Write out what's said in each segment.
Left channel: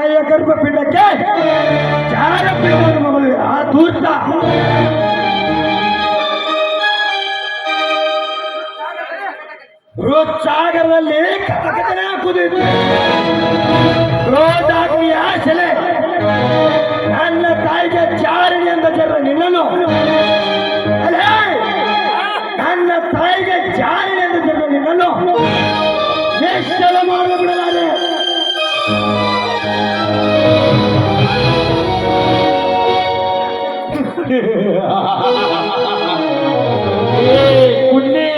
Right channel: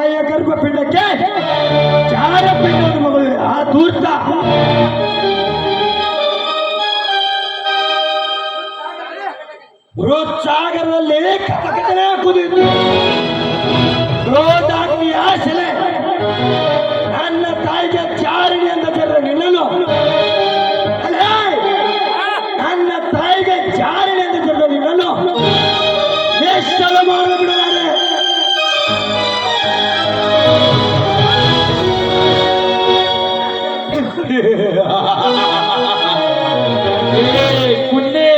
ತಾಯಿಯ ಗರ್ಭಪಿಂಡಕ್ಕೆ ಜಾರಪಿಂಡವನ್ನು ಮಗಳು ಆ ಧೂರ್ತ ಸಾಗರದಲ್ಲಿ ಕಥಕಥನೆ ಕುದಿದು ರೋದಾಗ್ನಿಯ ಸೆಲೆ ನನ್ನ ತಾಯಿಗೆ ಚಾರಣಿ ಅಂತ ಜರ ನಿಲ್ಲಲು ನನ್ನ ತಾಯಿಗೆ ಚಾರಣಿ ಅಂತ ಜರ ನಿಲ್ಲಲು ನಿಶ್ಚಲ ಮಾಡಿಬಿಡಲಾರೆ. ಕುನ್ನೆ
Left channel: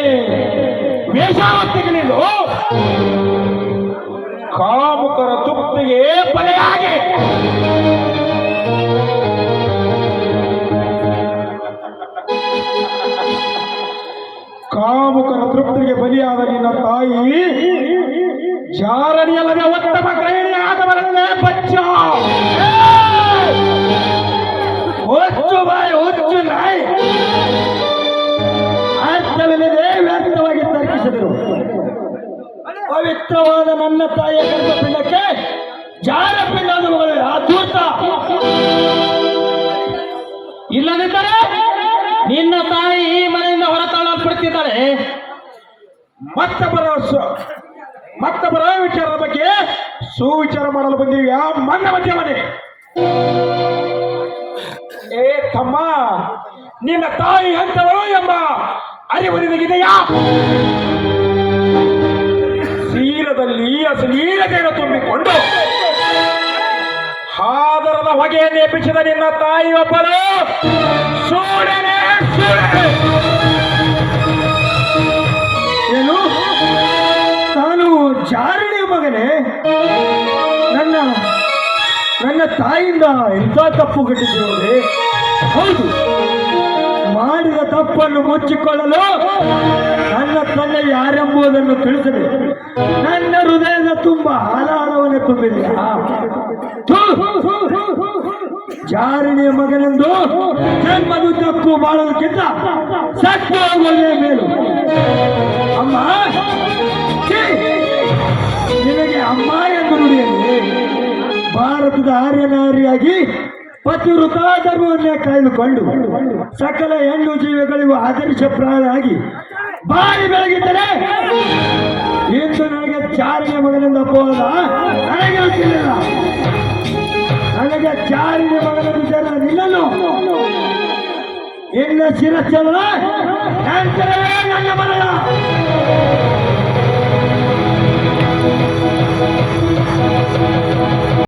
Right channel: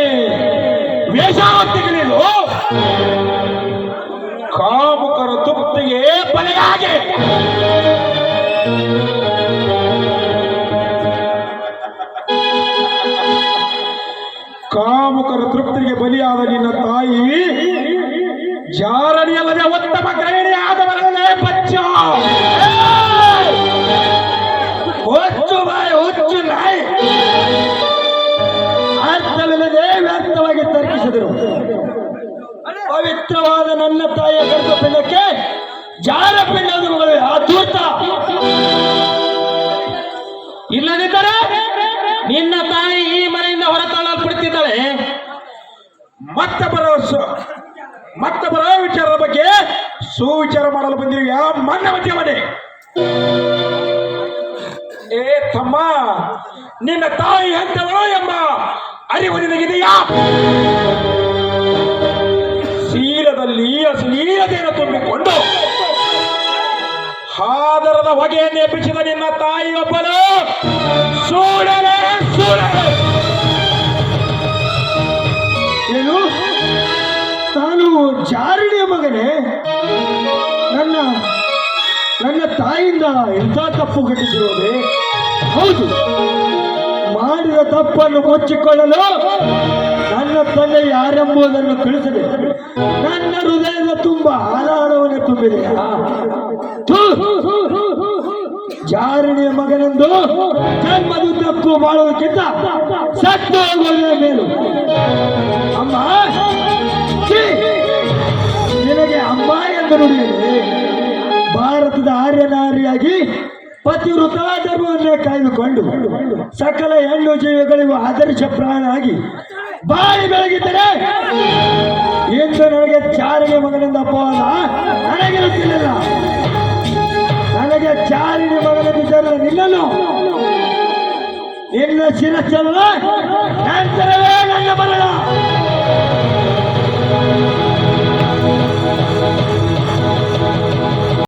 ವೇಷಾವತ್ತಿಗಳಿದು ಕಾಮುಕರ ತೃಪ್ತಿಗೆ ಬಲೆಯಾಗಿ ಕಾಮುಕರ ತೃಪ್ತಿಗೆ ಬಲಿಯಾದ ನಿನ್ನ ತಾಯಿ ಜಾರಣಿಯಲ್ಲದೆ ಉತ್ತಮ ಗ್ರಹಿಣಿ ಆದವರಲ್ಲೇ ಬಚ್ಚ ಹುಚ್ಚು ಬಾಯಿ ಹುಚ್ಚು ನಾಯಿ ಅರ್ಥವಿಲ್ಲದೆ ವ್ಯರ್ಥವಾಗಿ ತರ್ಕಿಸಿದರು. ಪವಿತ್ರವಾದ ನನ್ನ ತಾಯಿಯ ಗರ್ಭಪಿಂಡಕ್ಕೆ ಜಾರಪಿಂಡದ ಮಗಳು ಅದ್ಭುತ. ಇಲ್ಲದಿದ್ದರೆ ನಿನ್ನ ತಾಯಿ ಈ ಮನೆಯಿಂದ ಹೊರತಳ್ಳಲ್ಪಡುತ್ತಿದ್ದಾಳೆ. ಮತ್ತೊಬ್ಬರ ವಿಚಾರದ ಬಗ್ಗೆ ಸುವಿಚಾರ ಮಾಡಲು ಬಂದಿರುವ ಮನ್ನ ಮಧ್ಯ ಮನೆ. ಏ ತಮ್ಮ, ನಿನ್ನ ತಾಯಿ ಎಂತವಳು ಎಂಬ ಅರಿವು ನಿನಗಿದೆಯಾ? ಶೀಲದಲ್ಲಿ ಅಶ್ಲೀಲತೆಯನ್ನು ತುಂಬಿಕೊಂಡು ಹಾದರದ ಹೊಗೆಯನ್ನು ಎಬ್ಬಿಸಿದ ನಿನ್ನ ತಾಯಿ ಒಬ್ಬಳು ಸೂಳೆನೆ ಏನು? ತಾನು ಜಾರಣಿಯ ಮಗನೇ? ನನ್ನ ತಾಯಿಯಿಂದ ಎಂಥ ತಪ್ಪು ಘಟಿಸಿರುವುದೇ? ಹೌದು, ಮಾಡಿದ ತಪ್ಪನ್ನು ಮುಚ್ಚಿಕೊಳ್ಳಲು ನನ್ನ ತಂದೆ ಯಾರೆಂಬುದನ್ನು ತಿಳಿಸದೆ ನನ್ನ ಹೃದಯದ ತುಂಬ ಆರಾಳವನ್ನು ತುಂಬಿದೆ. ಜಾರಣಿಯ ಮಗನೆಂದು ಜನ್ಮದು ತಪ್ಪು ಮಾಡುವುದಕ್ಕಿಂತ ಸತ್ತು ಹೋಗುವುದೇ ಮೇಲು. ಅಮ್ಮ, ನಿನಗೆ ಅಮ್ಮ ಎಂದು ನುಡಿಯಲಿ. ಭಾರತದ ಆರ್ಯನಾರಿಯಾಗಿ ಪತಿವೃತ ಧರ್ಮವನ್ನೇ ಕಾಯ್ದುಕೊಂಡು ಸಕಲ ಹೆಣ್ಣು ಜೀವಿಗಳಿಗೂ ಆದರ್ಶಪ್ರಾಯನಾಗಿ ಬಾಯಿ ಬೆಳಗಿದ್ದರೆ ಇಂದು ನನಗೆ ಚಾರಣಿಯ ಮಗನೆಂದ ಅಪವಾದ ನನಗೆ ಗೊತ್ತಿರಲಿಲ್ಲ. ನನಗೆ ಚಾರಣಿಯ ಮಗನೆಂದು ನಿಲ್ಲಲು ನಿನ್ನ ಶಿರಸ್ಸನ್ನು